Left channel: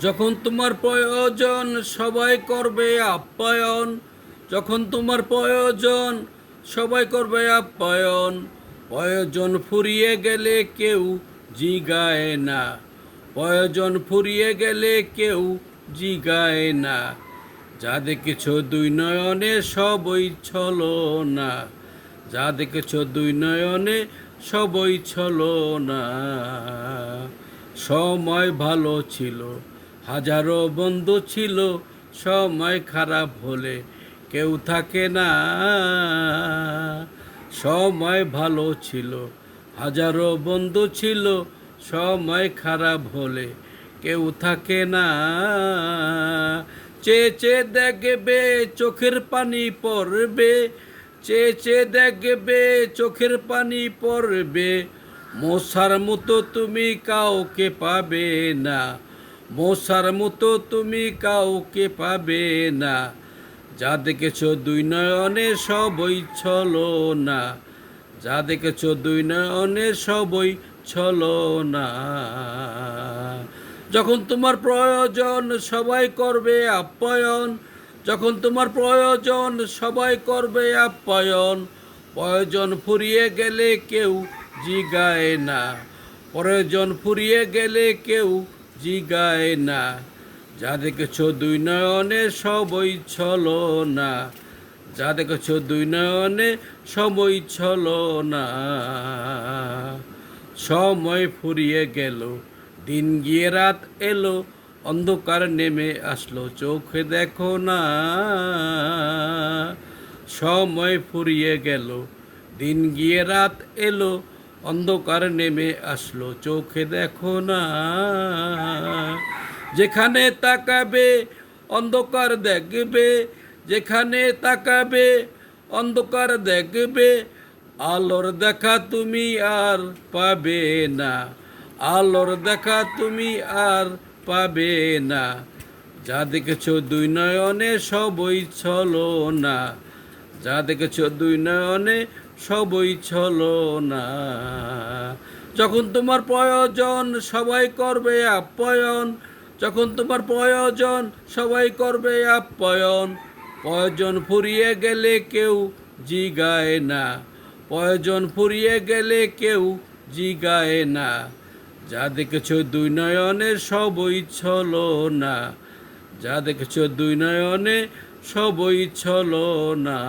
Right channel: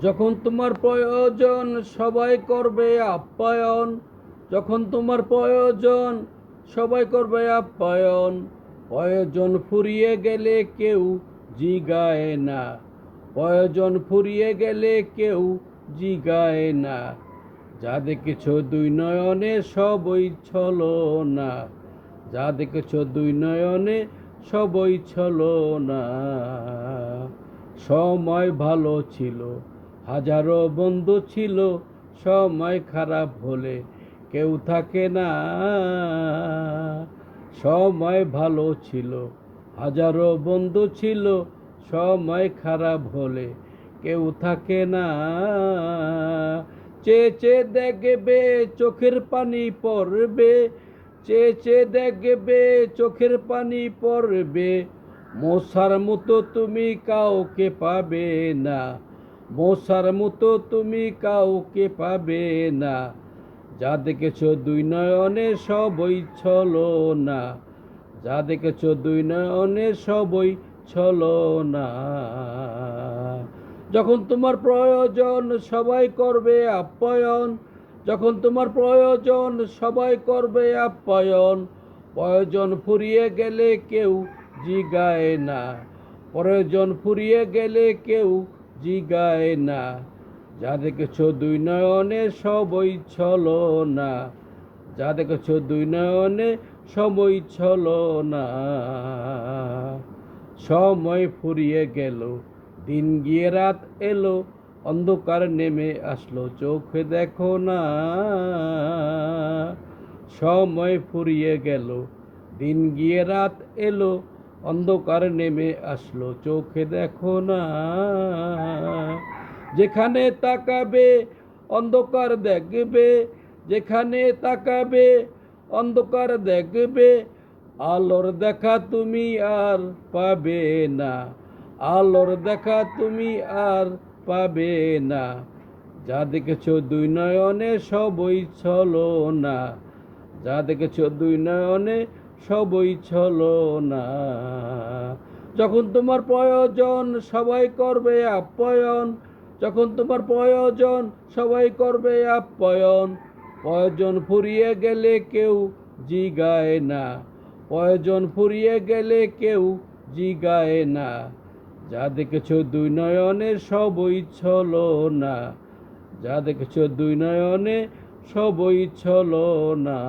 যখন তোমার প্রয়োজন সবাই করবে আপ্যায়ন। যখন তোমার প্রয়োজন সবাই করবে আপ্যায়ন। প্রয়োজন ফুরিয়ে গেলে কেউ জিগায় না। প্রয়োজন ফুরিয়ে গেলে কেউ জিগায় না। যা দেখেছ দুই নয়নে সবই ছলো না। যা দেখেছ দুই নয়নে সবই ছলো না। সময় ভালো ছিল, হাজারো বন্ধু ছিল। সময় খারাপ হলে কেউ থাকে না। সময় ভালো ছিল, হাজারো বন্ধু ছিল। সময় খারাপ হলে কেউ থাকে না। চেয়ে চেয়ে দেখবে চোখের পানি পড়বে। চেয়ে চেয়ে দেখবে চোখের পানি পড়বে। মশার মতো তুমি কাউকে পাবে না। মশার মতো তুমি কাউকে পাবে না। যা দেখেছ দুই নয়নে সবই ছলো না। যা দেখেছ দুই নয়নে সবই ছলো না। যখন তোমার প্রয়োজন সবাই করবে আপ্যায়ন। যখন তোমার প্রয়োজন সবাই করবে আপ্যায়ন। প্রয়োজন ফুরিয়ে গেলে কেউ জিগায় না। প্রয়োজন ফুরিয়ে গেলে কেউ জিগায় না। যা দেখেছ দুই নয়নে সবই ছলো না। যা দেখেছ দুই নয়নে সবই ছলো না। সময় ফুরিয়ে গেল, দিন গিয়ে রাত এলো। অন্ধকার নেমে আসলো, চোখে দেখো না। সময় ফুরিয়ে গেল, দিন গিয়ে রাত এলো। অন্ধকার নেমে আসলো, চোখে দেখো না। যেখানে তাকাবে অন্ধকার দেখবে। যেখানে তাকাবে অন্ধকার দেখবে। আলোর দেখা তুমি আর পাবে না। আলোর দেখা তুমি আর পাবে না। যা দেখেছ দুই নয়নে সবই ছলো না। যা দেখেছ দুই নয়নে সবই ছলো না। যখন তোমার প্রয়োজন সবাই করবে আপ্যায়ন। যখন তোমার প্রয়োজন সবাই করবে আপ্যায়ন। প্রয়োজন ফুরিয়ে গেলে কেউ জিগায় না। প্রয়োজন ফুরিয়ে গেলে কেউ জিগায় না। যা দেখেছ দুই নয়নে সবই ছলো না। যা দেখেছ দুই নয়নে সবই ছলো না।